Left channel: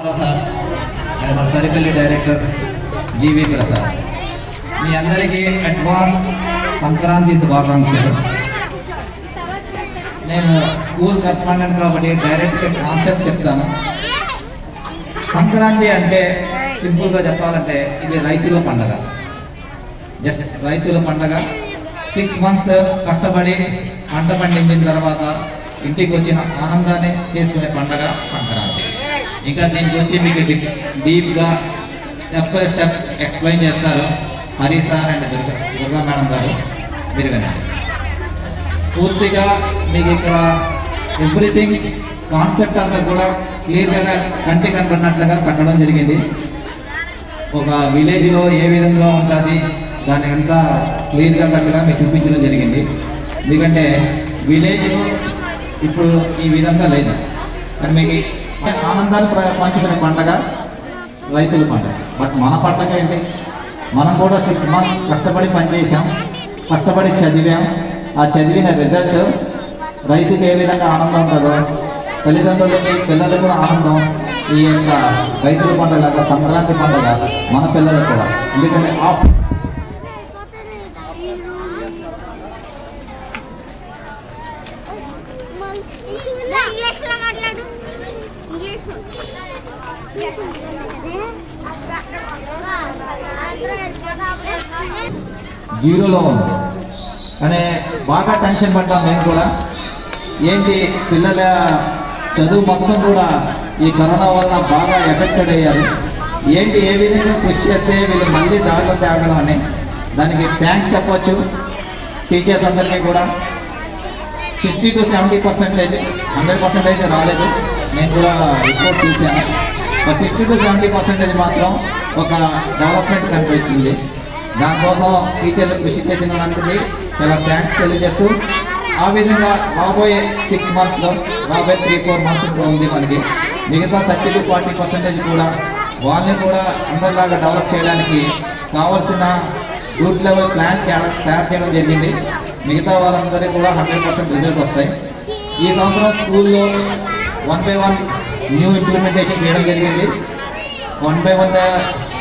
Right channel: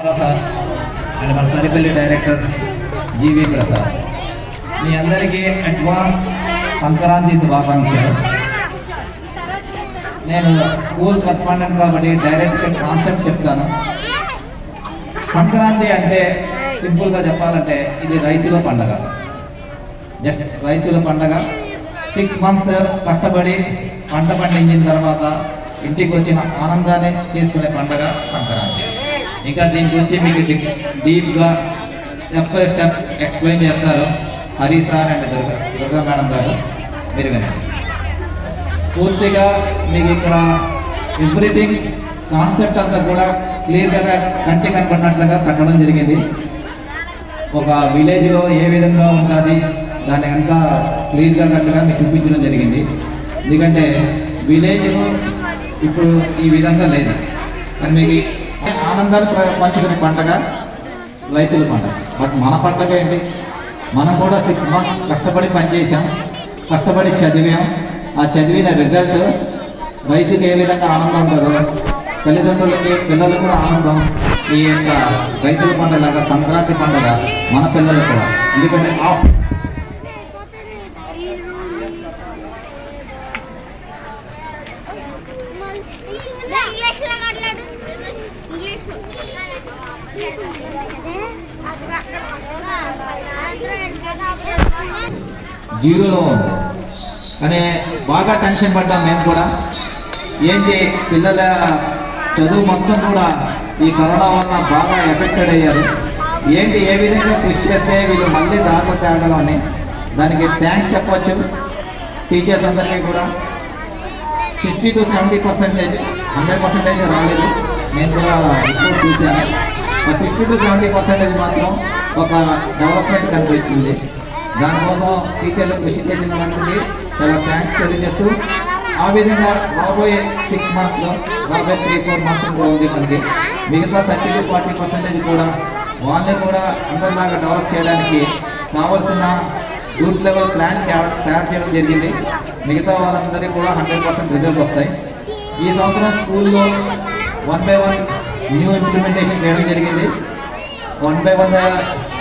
And మన Saripalli director జీవి ప్రసాద్. మీ అందరికీ advance Sankranti శుభాకాంక్షలు. నేను స్కూల్ కరెస్పాండెంట్ కాబట్టి డైరెక్ట్గా కాన్సెప్ట్ చెప్తాను. సంక్రాంతి అంటే సింపుల్గా చెప్పాలంటే ఇది రైతుల పండగ. జస్ట్ రైతుల పండగ. 6 months కష్టపడి పంట పండించిన తర్వాత ఇంటికి వచ్చిన ఆనందాన్ని చేసుకునే పండగ సంక్రాంతి. ఇంకా దీని గురించి మీకు డీప్గా స్టెప్ బై స్టెప్ ఎక్స్ప్లెయిన్ చేస్తారు Hari sir and Durga madam గారు. మీరు వినండి. పూర్తిగా మీకు ఇక్కడ ఎవ్రీథింగ్ కాన్సెప్ట్ అంతా కూడా క్లియర్గా కంటికి కనపడినట్లుగా పెట్టడం జరిగింది. ఒక విలేజ్లో ఏ విధంగా ఉంటుంది దాన్ని అంతా క్లియర్గా కట్టుగా మీకు చూపించడం జరిగింది. ఎందుకంటే విలేజ్ ఇప్పుడు ఈ విధంగా లేదు. మీకు ఆనందాన్ని పంచుకునే పండగ రైతుల పండుగ. బట్ మన పండుగ ఏంటి? మనం కూడా 6 months కష్టపడి పనిచేసాం, కష్టపడి చదివాం. ఆ చదివిన రిజల్ట్ రైతుకి ఏ విధంగా ఆనందం ఉంటుందో తల్లిదండ్రులకి పిల్లలకు ఆనందం. ఈ యొక్క రైతుల పండుగ సంక్రాంతి పండుగ మన పిల్లలకు కూడా. ఎందుకంటే జీరోలో ఉంది కానీ బాగా టెన్షన్ పడ్డాం మేము కూడా. ఏంటి పిల్లల చదువు మొత్తం కూడా ఈ కరోనా వల్ల బాగా ఎఫెక్టెడ్ అయ్యారు. ఏంటి ఏ విధంగా కృషి చేస్తే వీళ్ళు మళ్ళీ దాంట్లో తేగలమని దానికి థ్యాంక్స్ చెప్పచ్చు టీచర్స్ అందరికీ కూడా. 60 to 70% అయితే 100% అయితే రాలేదు. నేను కూడా రిపోర్ట్ చూశాను. 60 to 70% మాత్రం ఒక డెవలప్మెంట్ కనిపిస్తుంది. దానికోసం టీచర్లు కృషి చేసినందుకు చాలా థ్యాంక్స్ తెలియజేస్తూ ఆ విధంగా రాబోయే 6 monthsలో రాబోయే 3-4 months కూడా ఉంది మనకి. మిగతా 30 to 40% కూడా వాళ్ళని కూడా అందరిలాగా డెవలప్ చేయడానికి కావాల్సిన గ్రూప్ లెవెల్ ప్లాన్ తయారు చేయడం జరిగింది. మిగతా వాళ్ళందరికీ కూడా 100% రిజల్ట్ వస్తాయి. ఈ సంవత్సరం స్కూల్లో 1 by 1 న్యూ ఇంప్లిమెంటేషన్ చేయడం జరిగింది. 1 by 1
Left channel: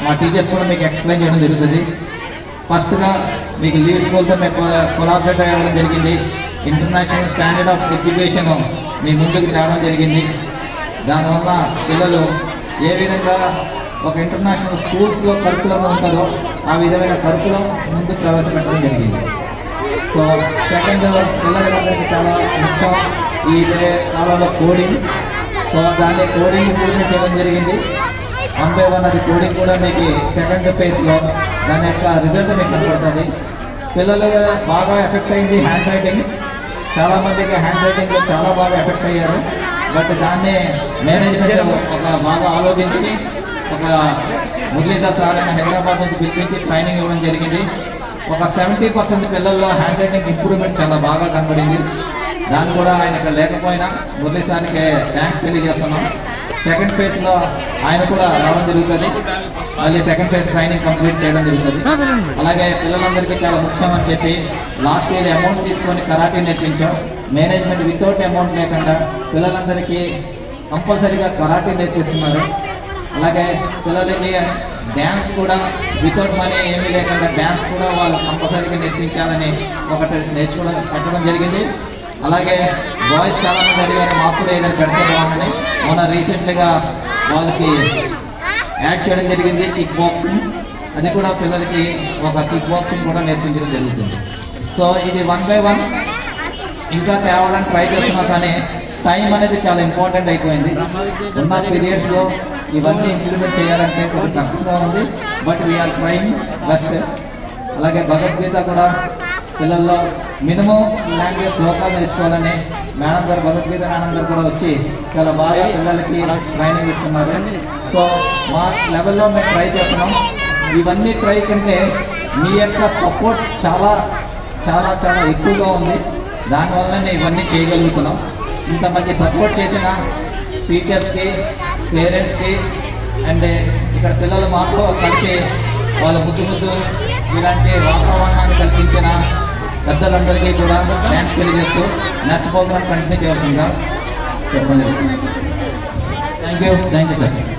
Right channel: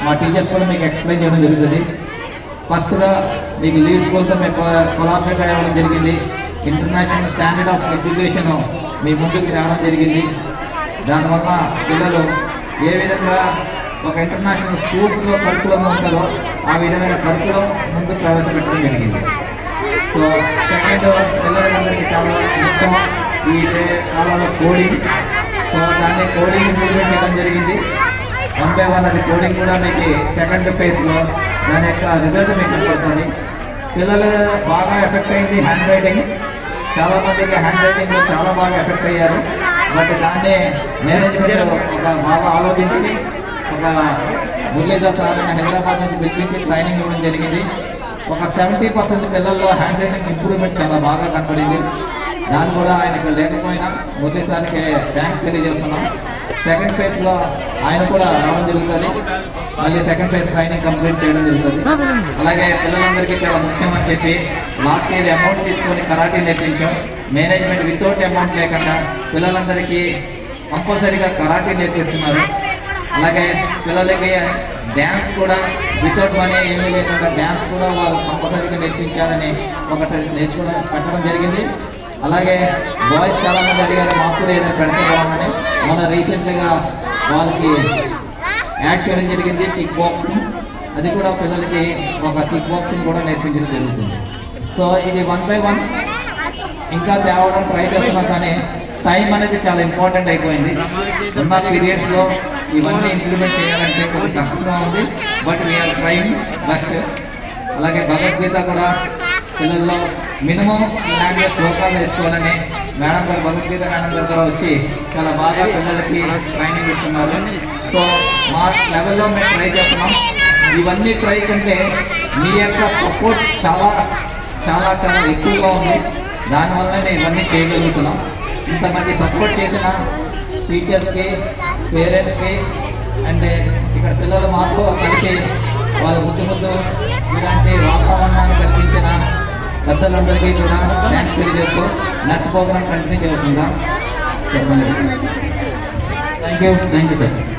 మా టీచర్స్ కూడా మీకు ఎక్స్ప్లెయిన్ చేయడం జరుగుతుంది. ఫస్ట్గా మీకు లీవ్ స్కూల్తో మీకు కొలాబరేట్ అవ్వడం జరిగింది. ఇంటర్నేషనల్ స్టాండర్డ్ ఆఫ్ ఎడ్యుకేషన్ మీ ముందుకు రావడం జరిగింది. దానివల్ల పిల్లలు ఏ విధంగా ఒక ఇంటర్నేషనల్ స్కూల్స్లో కరికులం ఉంటారో ఆ విధమైన కరికులం ముందు ప్రవేశపెట్టడం జరిగింది. సో సెకండ్ పిల్లలందరికీ చాలా ముఖ్యం ఈ కాలంలో కోడింగ్. సో దాన్ని కోడింగ్ ఇంప్రూవ్మెంట్ చేయడం జరిగింది. 1 by 1 అది కోడింగ్ కూడా మీకు సెకండ్ ఫేజ్లో దాని యొక్క రిజల్ట్ మీకు కనపడుతుంది. పిల్లలు బాగా ఎఫెక్ట్ అయింది హ్యాండ్ రైటింగ్. చాలామందికి హ్యాండ్ రైటింగ్లో చాలా బాగా ఎఫెక్ట్ అయ్యారు. బట్ దాన్ని మేనేజ్మెంట్ బాగా ఆలోచించి ఒక మురళీధర్ సార్ అని హైదరాబాద్ నుంచి పిలిపించి ట్రైనింగ్ ఇవ్వడం జరిగింది. ఒక 70% పిల్లల్లో హ్యాండ్ రైటింగ్ ఇంప్రూవ్మెంట్ చాలా బాగా కనపడింది. దాన్ని కూడా ఆయన ఇక్కడ లేకపోయినా మురళీ సార్కి థ్యాంక్స్ తెలియజేస్తున్నాం. సెకండ్ ఫేజ్లో ఆయన కూడా రావడం జరుగుతుంది. మళ్ళీ సెకండ్ ఫేజ్ ట్రైనింగ్ కంప్లీట్ చేయడం జరుగుతుంది. అలాగే పిల్లలందరికీ చాలా ముఖ్యమని చెప్పి లాస్ట్ ఇయర్ అమౌంట్ తీసుకొని కరాటే నేర్పించాం. మేనేజ్మెంట్ వితౌట్ అమౌంట్ లేకుండా పిల్లలందరికీ కంపల్సరీగా కరాటే నేర్పిస్తున్నారు. అలాగే పిల్లలకి డ్యాన్స్ కూడా వితౌట్ మనీ ఏమీ లేకుండా డ్యాన్స్ కూడా వాళ్ళు కంపల్సరీగా నేర్పించాలని ఒకటి నేర్చుకోవడం పెట్టడం జరిగింది. అలాగే బాయ్స్ చాలామంది అడిగారు మాకు ఏదైనా పెడతామని. మన రీసెంట్గా వాళ్ళకి యాడ్ చేయడం జరిగింది కిక్ బాక్సింగ్. అది కూడా పిల్లలకి ఒక కిక్ బాక్సింగ్ కూడా నేర్పించడం జరుగుతుంది. సో ఇది 1 by 1 ఇంకా తేవడానికి ట్రై చేస్తున్నాం కానీ టైం అనేది చాలా ఇంపార్టెంట్ అయిపోయింది. ఉన్న పీరియడ్స్లో ఇవన్నీ ఇంప్లిమెంట్ చేయాలంటే కొంచెం కష్టంగా ఉంది. But we are trying best. అలాగే భగవద్గీత కూడా పిల్లల్లో మినిమం లాంగ్వేజ్ శ్లోకాలు నేర్చుకోవాలని మేడం గారు భగవద్గీత మేడం గారు కూడా వచ్చి చాలా బాగా పిల్లలకి ట్రైనింగ్ ఇస్తున్నారు. సో మా లెవెల్లో మేము ట్రై చేస్తున్నాం. ఇవన్నీ ట్రై కంటే మీ యొక్క సపోర్ట్ చాలా చాలా చాలా ఎక్కువగా ఉంది. దానివల్ల మేము ఇవన్నీ చేయగలుగుతున్నాం. ఇంతమంది సపోర్ట్ చేసిన టీచర్స్కి, పేరెంట్స్కి అండ్ ఇక్కడ పిల్లలు మాకు కలిసి వాళ్ళ ముద్దు ఇలాంటి వాతావరణాన్ని కల్పించిన పెద్దలందరికీ కూడా థ్యాంక్స్ తెలియజేస్తూ నెక్స్ట్ ప్రోగ్రామ్ కంటిన్యూ చేస్తుందా చెప్పండి. Thank you sir.